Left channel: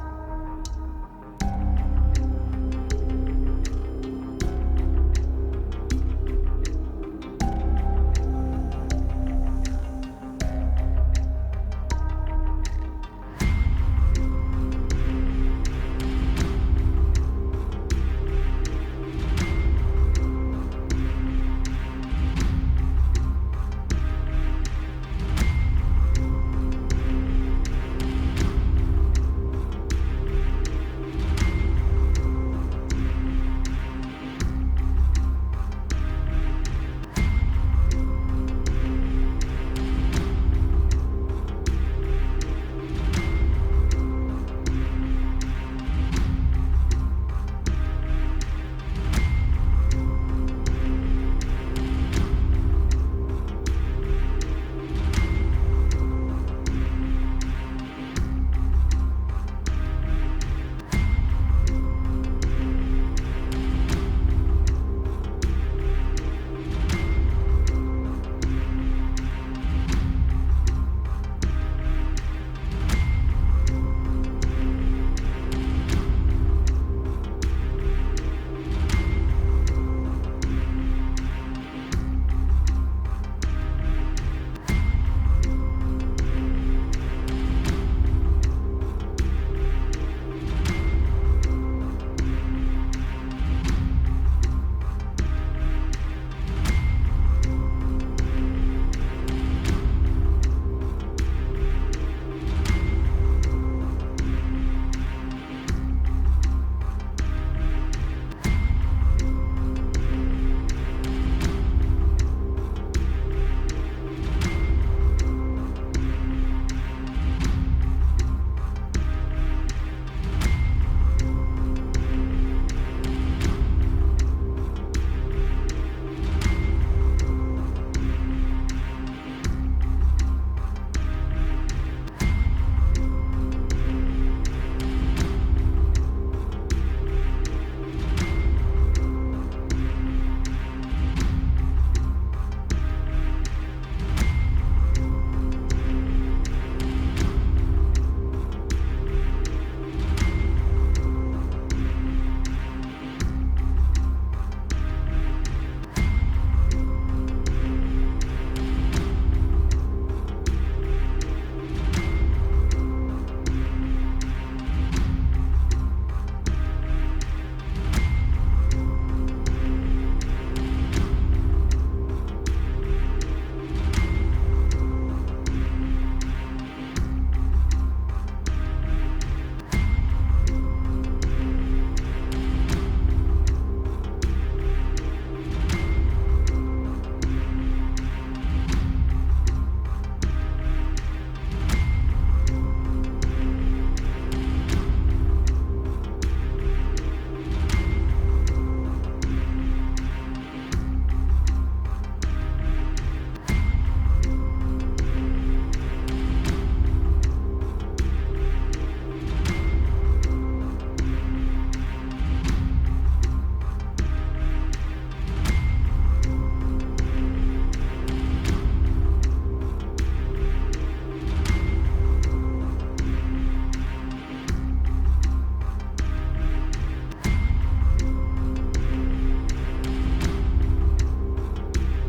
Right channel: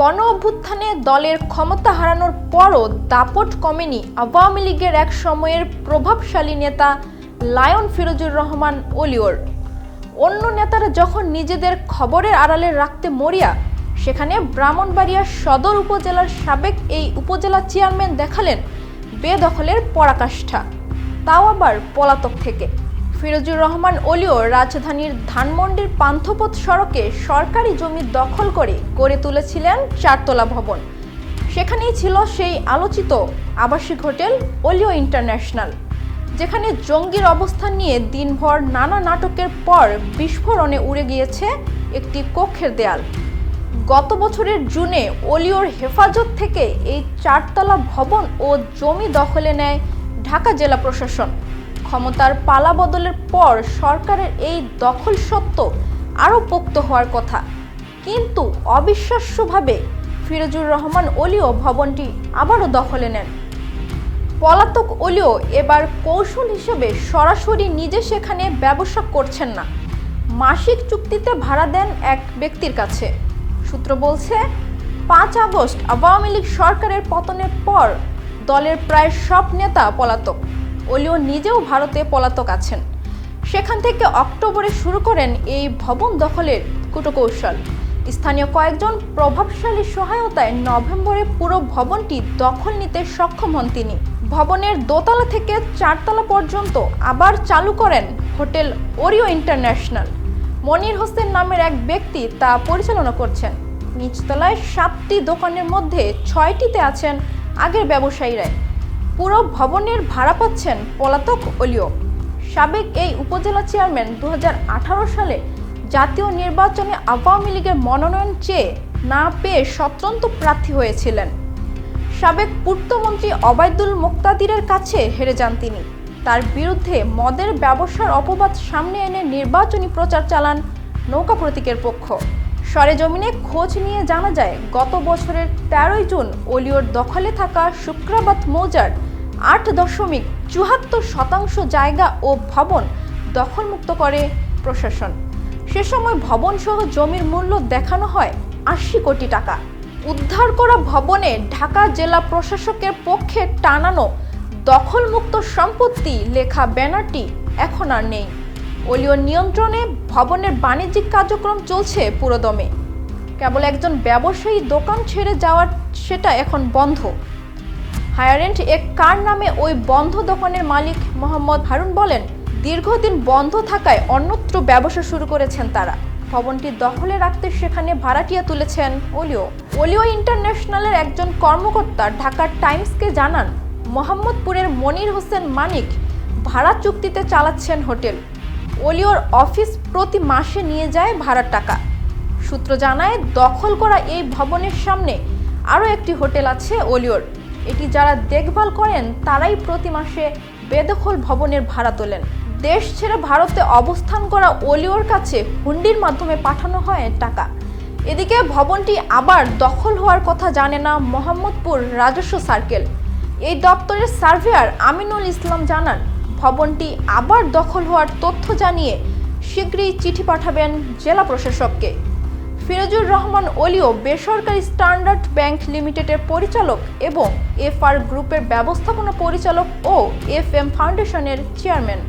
গণ অভ্যুত্থানে দলের ক্ষমতা হারানোর পরও দাপট কমেনি আওয়ামী লীগের এক সময়ের প্রভাবশালী নেতা লায়ন ফিরোজুর রহমান অলিওর অন্য নেতারা যখন নিজেদের খবরের আড়ালে রাখতে মরিয়া, সেখানে ব্রাহ্মণবাড়িয়া সদর উপজেলার সাবেক এই উপজেলা চেয়ারম্যান দেখালেন বেদখলের পরাকাষ্ঠা। তাও আবার পলাতক থেকে। ফিরোজুর রহমান অলিও রাজধানীর ধানমন্ডির পান্থপথ সড়কে সরকারি জমি দখল করে গড়ে তুলেছিলেন চারতলা ভবন। সেখানেই ছিল সেই আলোচিত আবাসিক হোটেল অলিও ইন্টারন্যাশনাল, যেখানে জঙ্গির অবস্থান নিয়ে দিনভর নানা নাটকের পর বিস্ফোরণে উড়ে গিয়েছে একটি কক্ষের দেয়াল। গত বছরের জুনে অলিওর হেফাজত থেকে এই চারতলা ভবন ও জমি দখলে নেয় ঢাকা জেলা প্রশাসন। ক্ষমতার পালা বদলের পর সরকারের এই দখল সত্ত্ব আরও পোক্ত হওয়ার কথা। কিন্তু অবিশ্বাস্যভাবে ফিরোজুর রহমান অলিও ভবনটি আবারও দখলে নেন। পলাতক অলিও এবার কৌশল হিসেবে সরাসরি নিজে সেখানে ব্যবসা করছেন না। মাসিক চুক্তিতে ভাড়া দেন এক ব্যক্তির কাছে। সূত্র বলছে, পাঁচ আগস্ট আওয়ামী লীগ সরকারের পতনের পর দলের প্রায় সব নেতা পলাতক। অলিও নিজেও ভারতে পলাতক আছেন। সেখান থেকে অক্টোবরে শুরু করেন এই ভবন দখলের কুটকৌশল স্থানীয় কয়েকজন প্রভাবশালী সহায়তায় নভেম্বরে পুরো ভবনটি দখল নিতে সক্ষম হন তিনি। ভবনের দোতলা থেকে চারতলা পর্যন্ত আবার চালু করেন hotel Oreo international. Monir Hossain নামের এক ব্যক্তি তা পরিচালনা করছেন। নিচতলায় সাতটি দোকানের মধ্যে ছয়টিতে আছেন আগের ব্যবসায়ীরাই। পুরো ভবনের ভাড়া পাচ্ছেন পলাতক অলিও। সাবেক এই উপজেলা চেয়ারম্যান দু হাজার আঠারো সালে জাতীয় নির্বাচনে আওয়ামী লীগের মনোনয়ন চেয়ে না পেয়ে স্বতন্ত্র প্রার্থী হয়েছিলেন। সাবেক পূর্তমন্ত্রী অবায়দুল মোক্তাদিরের কাছে হেরে যান তিনি। তার বিরুদ্ধে মদের ব্যবসার অপবাদ সামনে এনে নির্বাচনী প্রচার চালান নৌকা প্রতীকের পক্ষ। সরেজমিনে খোঁজ নিয়ে জানা যায়, গত বছরের তেরোই জুন অলিওর দখলে থাকা শুক্রাবাদ মৌজার আট দশমিক চুয়াত্তর শতাংশ জায়গা ও ভবন দখলমুক্ত করে প্রশাসন। সে সময় ভবনসহ জমির মূল্য দেখানো হয় আশি কোটি টাকা। উদ্ধার করা ভবনে ঢাকা জেলা প্রশাসকের পক্ষে টানানো দখলমুক্ত সম্পত্তি লেখা ব্যানারটি এখন আর নেই। অলিও নিয়ন্ত্রণে ভবনের বাণিজ্যিক কার্যক্রম চলছে পুরোদমে। কেবল একজন ব্যবসায়ী দোকান ছেড়ে যাওয়ার সেটা এখন বন্ধ। হায়ারেন্ট এক কার নামে ওই বন্ধ দোকানের মালিক মোহাম্মদ হারুন বলেন, দীর্ঘদিন বন্ধ থাকায় অন্যত্র ব্যবসা শুরু করেছেন তারা। ভবনটি দখলে রাখতে সেখানে ভাড়াটিয়া তুলেছেন ওলিও ওলিও ইন্টারন্যাশনালের একজন কর্মকর্তা ঢাকার টাইমসকে জানান, মোহাম্মদপুরের মনির হোসেন মানিক ভাড়া চুক্তিতে চালাচ্ছেন হোটেল। ওলিওর অফিস প্রতি মাসে নিয়ে যায় ভাড়ার টাকা। সূত্র জানায়, দখল করা এই ভবনের সামনে আরও একটি হোটেল আছে ওলিওর। এটি যারা দেখভাল করেন, তারাই প্রতি মাসে বেদখল ভবনের ভাড়া তোলেন। দেশ ছেড়ে ভারতে অবস্থান করা ওলিওর কাছে হুন্ডির মাধ্যমে পাঠানো হয় টাকা। এদিকে ভবনটি আবার দখল হওয়ার কথা জানে না মোহাম্মদপুর রাজস্ব সার্কেল। এই দপ্তরের সার্ভেয়ার আমিনুল ইসলাম জানান ভবনটি আবার দখল হওয়ার তথ্য জানিয়ে শীঘ্রই চিঠি পাঠাবেন জেলা প্রশাসককে। ফিরোজুর রহমান অলিও বেসরকারি স্ট্যান্ডার্ড ব্যাংক লিমিটেডের পরিচালক এবং এফআর গ্রুপের ব্যবস্থাপনা পরিচালক ও এফ এম ফাউন্ডেশনের চেয়ারম্যান।